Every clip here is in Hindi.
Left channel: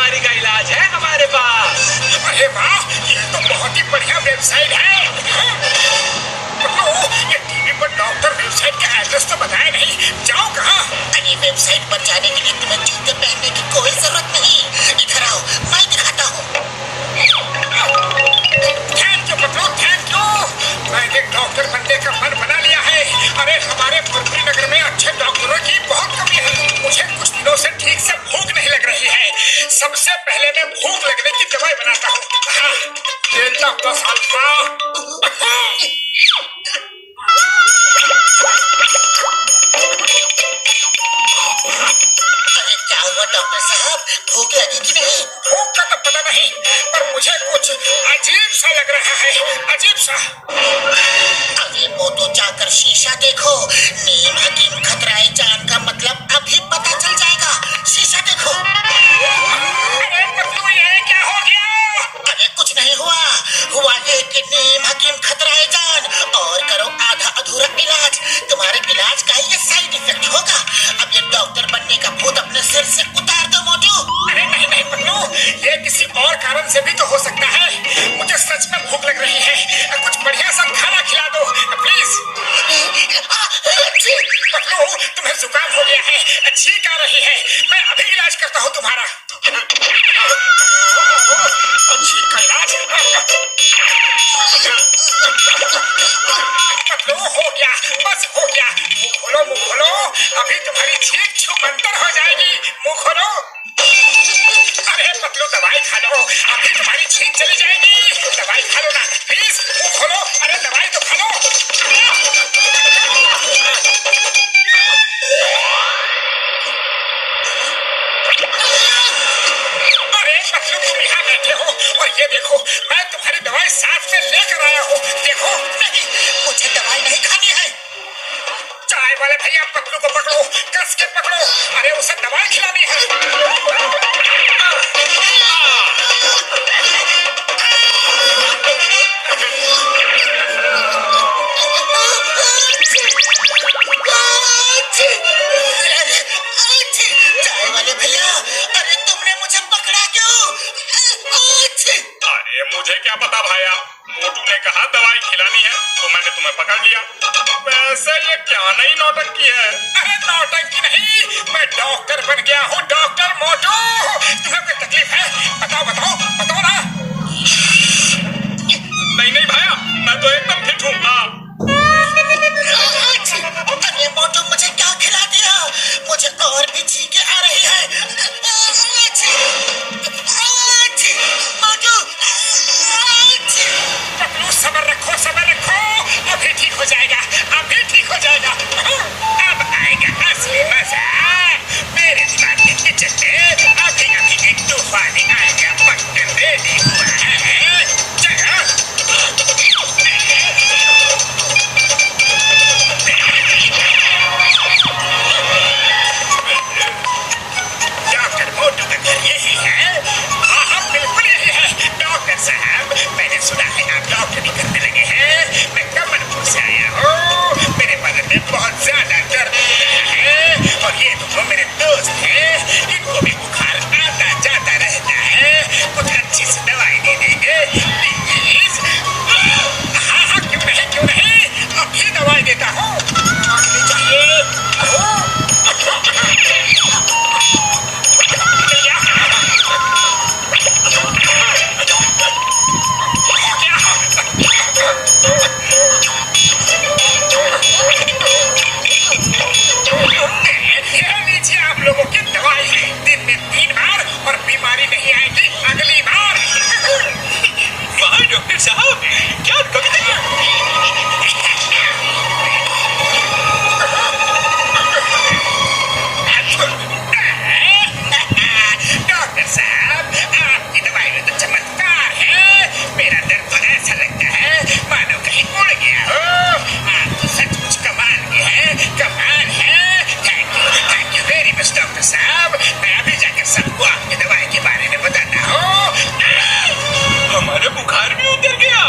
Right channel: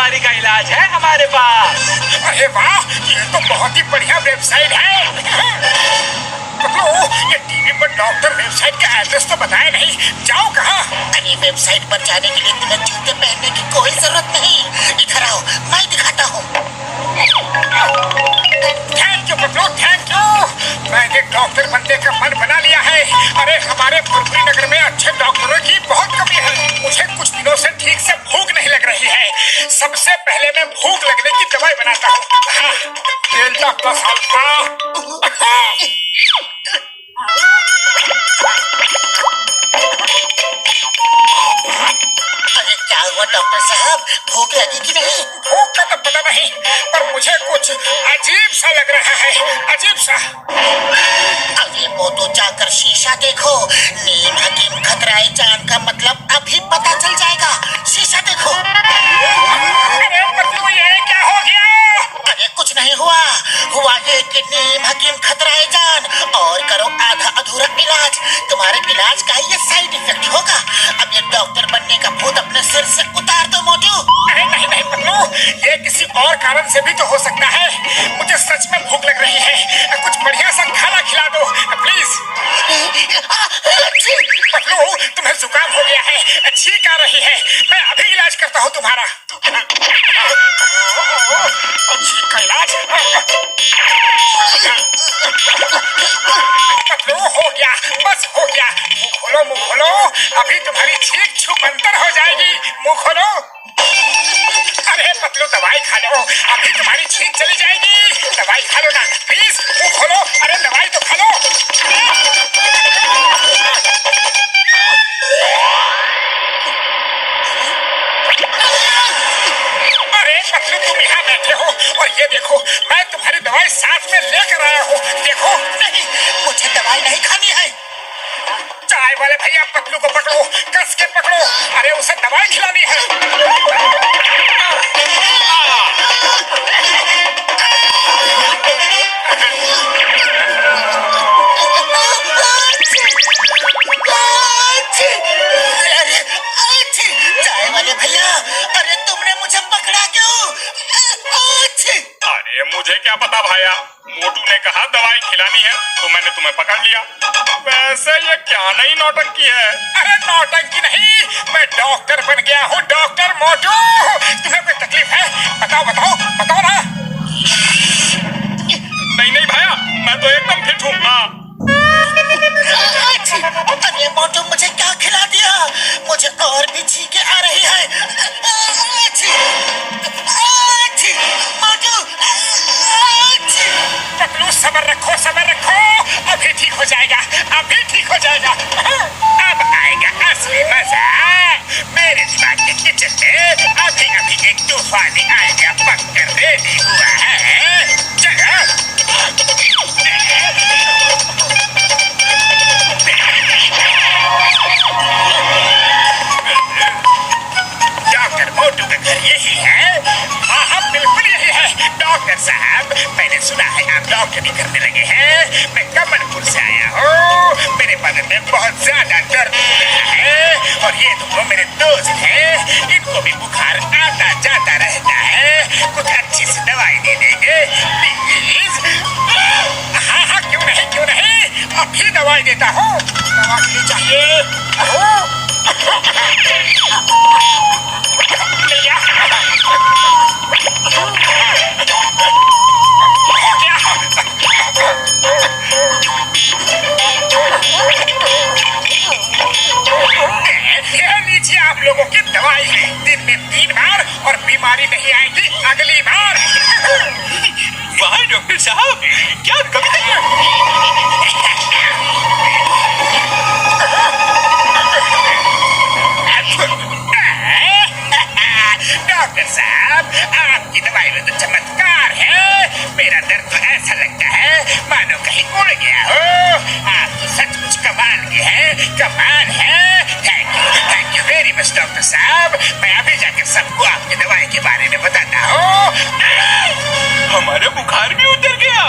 बीमारी का इलाज है हमारे पास। अरे वाह, ये तो बहुत ही बढ़िया वेबसाइट है। ये टीवी पर डॉक्टर वेबसाइट का एड्रेस तो बताया नहीं, जाओ कहाँ? अरे वेबसाइट पर जाने के लिए तुम्हें जूते पहनने की कोई जरूरत नहीं। इधर आओ, मैं दिखाता हूँ। Thank you Patlu, thank you. मैंने डॉक्टर बनने का मन बना लिया है। अरे हमारे मुरली नगर में अच्छे डॉक्टरों की बहुत कमी है। मुझे कुछ दिनों से ठीक से भूख नहीं लग रही है। सबसे पहले मैं भूख लगने की दवाई बनाता हूँ। Delta plus alpha. अरे क्या हुआ डॉक्टर साहब, भूख लगी कि नहीं? भूख का तो पता नहीं, पर मुझे कुछ अजीब सा लग रहा है, अजीब सा। अरे वो तो जाकर शीशा देखो। नीम हकीम खतराए जान का मतलब अभी पता चल जाएगा। शीशा देखो। अरे पतलू, ये क्या हो गया? अरे कुछ नहीं हुआ। हुआ ये कि नीम हकीम खतराए जान और करो आधा अधूरा इलाज। तुम्हारे इलाज का ये साइड इफेक्ट होगा। अब ये डॉक्टर बनने का भूत अपने सिर से उतार दो मोटू। अरे नहीं नहीं पतलू, ये किसी और कारण से भी तो हो सकता है। मुझे सच में भूख लग रही है। कुछ बढ़िया सा खाना खिला दो प्लीज। पतलू, तुम्हें जुकाम हो गया है, छींक आ रही है। मैं अभी इलाज करता हूँ तुम्हारा। छींक का इलाज? पतलू, हो गया, बस हो गया। मुंह खोलो, मुंह खोलो। अभी तुम्हारी छींक छुमंतर हो जाएगी। मुंह खोलो। अरे पतलू, दवाई खा लो, अभी तुम्हारी छींक चली जाएगी। दवाई खा लो ना प्लीज, मुंह खोलो। अरे दवाई तो खा लो। अरे पतलू, तुम यहाँ बैठे हो और ये देखो, मैं तुम्हारी दवाई साथ में लेकर आया हूँ। देखो। नहीं, मुझे दवाई नहीं खानी है। चाय वाले भैया, पतलू को पकड़ो, कस के पकड़ो। अरे उसे दवाई खिलानी है। चाय वाले भैया, अरे तुमने मुझे पकड़ा क्यों? अरे मुझे क्या पता भाया, मोटू ने कहा दवाई खिलानी है तो मैंने तुम्हें पकड़ लिया। वैसे ये क्या नई नौटंकी है? अरे नौटंकी नहीं, मैं डॉक्टर बन गया हूँ, डॉक्टर मोटू। तुम्हें कोई तकलीफ है? बताओ बताओ बताओ ना। नहीं नहीं भाया, मैं तो एकदम फिट हूँ। अरे मोटू, मुझे क्या खिला दिया? मुझे और भी छींकें आ रही है। मोटू, पतलू, सब्र रखो, सब्र रखो। अभी ठीक हो जाएगा, अभी ठीक हो जाएगा। अब आएगा असली मजा। मेरे दिमाग के किचन में अभी अभी एक तूफानी आइडिया पककर रेडी हुआ है। चलो। डॉक्टर मोटू का घर यही है? हाँ हाँ, बिल्कुल यही है। डॉक्टर साहब, मैंने सुना है आप डॉक्टरी करने लगे हैं। मैं कमलपुर से आया हूँ। मेरे बदन में बहुत ज्यादा दर्द हो रहा है और ये दोनों मेरे दोस्त हैं। इनको भी बुखार आता जाता रहता है। कुछ अच्छी सी दवाई दे देंगे प्लीज? हाँ हाँ, क्यों नहीं क्यों नहीं, अभी दवाई देता हूँ। दवा मिलनी चाहिए। लीजिए आप लोगों की दवाई, दिन में 3 बार और बीमारी नहीं आएगी अगली बार। वाह डॉक्टर साहब, क्या कविता है। डॉक्टर साहब, आपकी दवाई में तो चमत्कार है। मेरा दर्द तो ऐसा लगता है मानो कहीं उड़ गया हो। आप तो सचमुच कमाल के हैं, कमाल है। Thank you very much doctor साहब। मैं अभी जाकर सबको आपकी दवाई के बारे में बताता हूँ। हमारा बुखार भी उतर गया।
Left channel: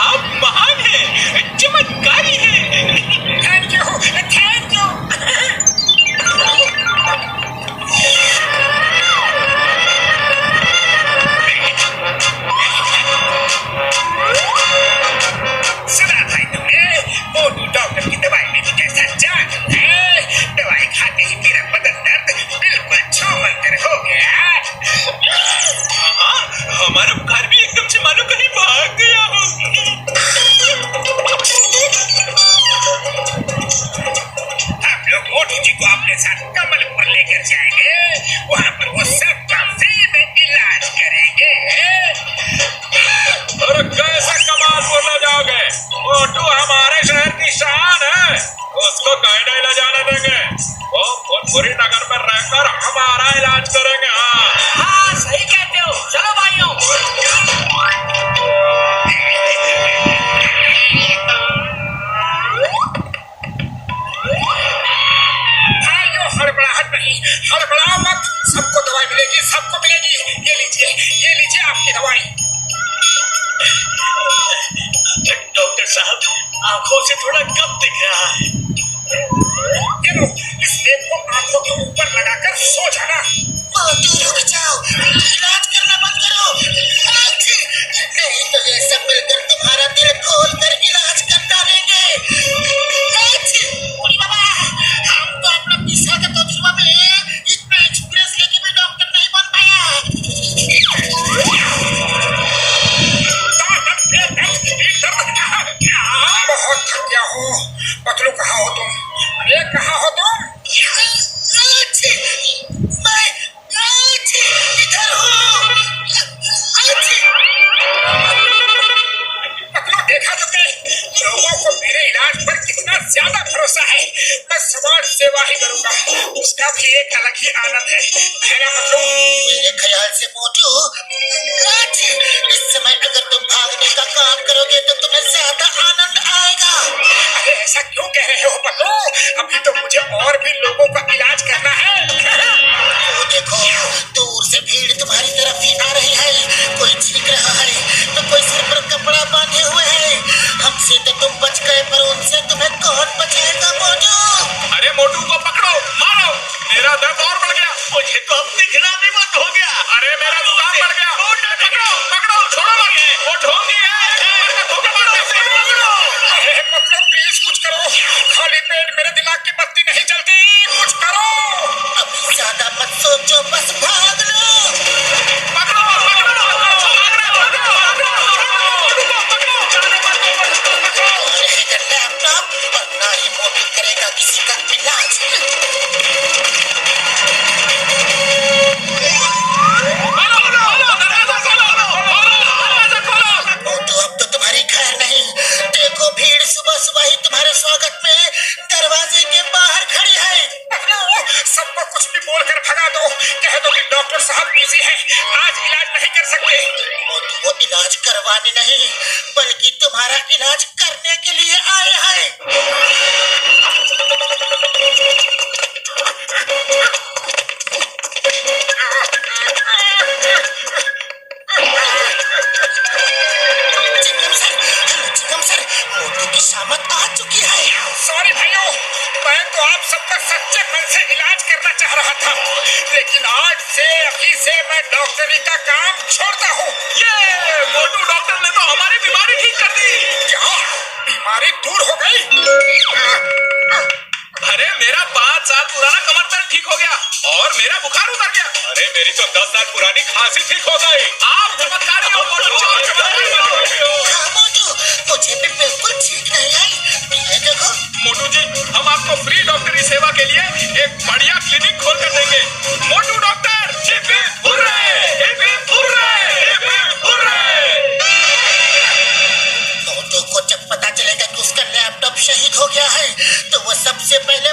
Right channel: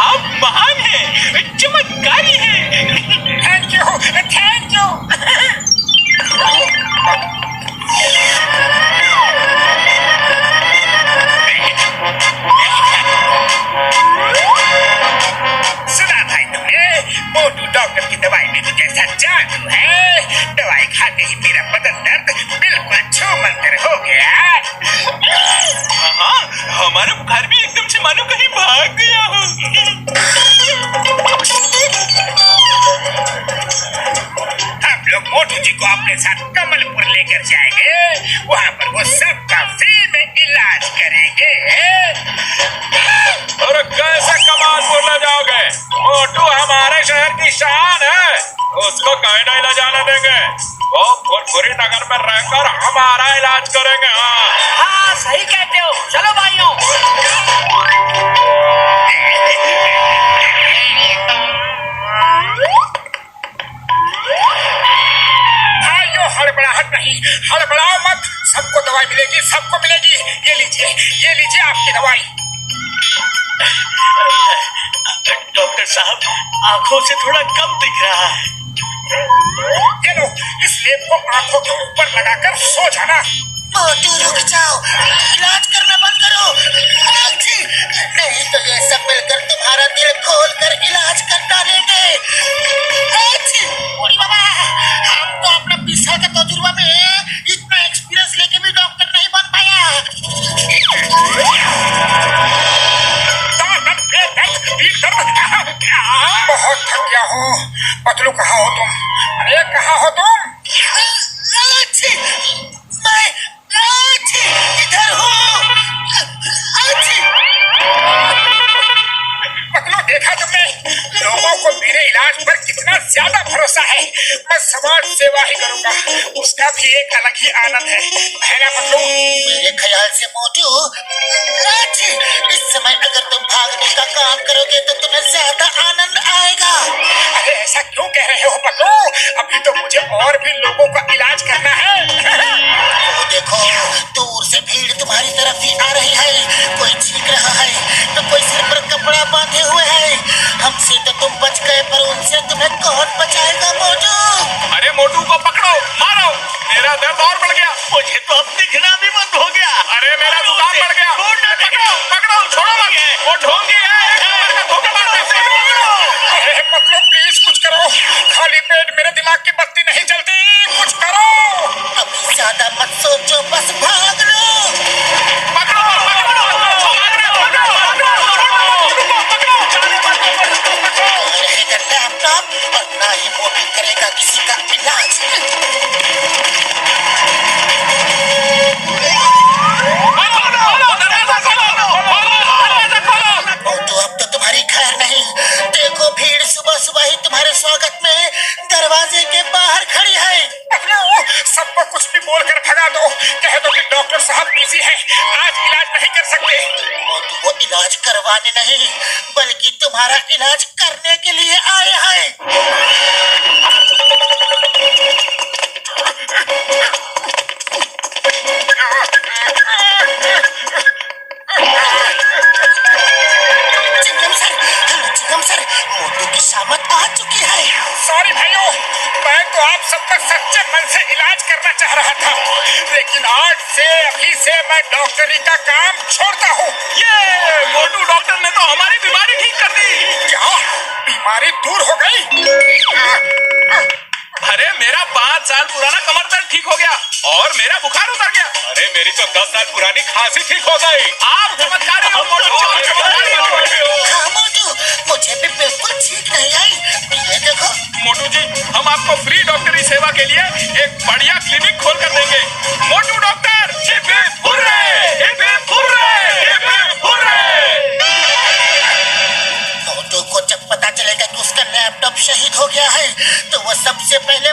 आप महान हैं, चमत्कारी हैं। Thank you, thank you. हमारा बुखार भी एकदम से मानो कहीं भाग गया हो। हम लोग मोटू जी को अपने साथ कमलपुर लेकर जाएंगे, वहाँ पर वो सबका फ्री में इलाज करेंगे। अरे कैसे कमालपुर ले जाओगे? मोटू हमारे शहर की शान है, उसको कहीं नहीं ले जाने देंगे। वो फुरफुरी नगर में रहकर हमारा इलाज करेंगे। हाँ सही कहते हो, चलो भाइयों। भाइयों हड़बड़ाहट नहीं, हड़बड़ाओ मत, सबको दवाई मिलेगी, सबको मिलेगी। ये लीजिए आपकी दवाई। डॉक्टर साहब आंखों से थोड़ा कम दिख रहा है। ये लो, इस लेप को आंखों के ऊपर लगाकर सो जाना। मोटू रुक जाओ, इलाज करना बंद करो। आजी, नहीं तो ये सब मिलकर तुम्हारा दिल खोल कर इलाज कर डालेंगे। आजी, ओरी बाबा, हम तो अपना 20 साल का तजुर्बा में इतना एक्सपीरियंस लेके भी डॉक्टर नहीं बन बहुत थक गया हो। पतलू कहाँ हो तुम? अरे कहाँ हो तुम? आजी, मैं आजी इधर हूँ। आजी, पतलू देखा तुमने? लोगों को मेरे इलाज पर कितना ज्यादा भरोसा है। मैं समाज सेवा ही करूँगा, उसका भी एक अलग ही आनंद है ना पतलू? मेरे ख्याल से मोटू, आजी, इस समय अगर तुम भागने का काम करोगे तो तुम्हें ज्यादा आनंद आएगा। अरे ऐसा क्यों कह रहे हो पतलू? अभी तो मुझे और भी लोगों का इलाज करना है। वो देखो, दूर से भीड़ तुम्हारी तरफ ही आ रही है। कोई चीख रहा है तो कोई सिर पर कपड़ा बांधे हुए है। हमसे तो तुम बच गए, पर उनसे तुम्हें कौन बचाएगा मोटू? अरे मोटू को पकड़ो, मारो, मेरा दर्द और बढ़ गया। मुझे तो अब दिखना भी बंद हो गया। अरे मेरा जुकाम बढ़ गया। पकड़ो पकड़ो, छोड़ो मत, वो ढोंगी है। अरे पतलू प्लीज कुछ करो, खाली पेट मेरे दिमाग की बत्ती नहीं जलती, कुछ करो। अभी ज्यादा मत सोचो, बस भाग लो। पकड़ो पकड़ो, रहेगा लैपटॉप और ना ही मोटू करेगा किसी का इलाज। मोटू, अब तो तुम्हारी खैर नहीं। देखो, भीड़ सुबह सुबह ही तुम्हारे स्वागत में दरवाजे के बाहर खड़ी है। पतलू सबको कुछ भी बोलकर भगा दो, कह दो कि डॉक्टर साहब बिजी हैं, आज इलाज नहीं कर सकते। मोटू वो इलाज करवाने नहीं, बल्कि तुम्हारा इलाज करने के लिए आए हैं। चिंगम सर, मोटू की शामत आ चुकी है। सॉरी भाइयों, मैं तो आप सबका सच्चे मन से इलाज करना चाह रहा था, लेकिन आज से अभी से मैं डॉक्टरी का काम छोड़ता हूँ। ये मोटू डॉक्टर ने तो हमारी बीमारी ठीक कर दी। क्या बीमारी दूर हो गई? अरे मेरा 5 साल पुराना कमर दर्द ठीक हो गया और मेरा बुखार उतर गया। अरे मेरी तो 10 साल पुरानी खांसी ठीक हो गई। आप चमत्कारी हो मोटू, चमत्कारी हो। हाँ मोटू, मुझे भी बिल्कुल ठीक नहीं आई। ये देखो मोटू जी, हम आपको फ्री डॉक्टरी सेवा के लिए एक बढ़िया क्लिनिक खोल कर देंगे। Motu doctor, hip hip hurray, hip hip hurray, hip hip hurray. Motu को जब पता चलेगा कि उसका लैपटॉप शहीद हो गया है तो वो सबसे पहले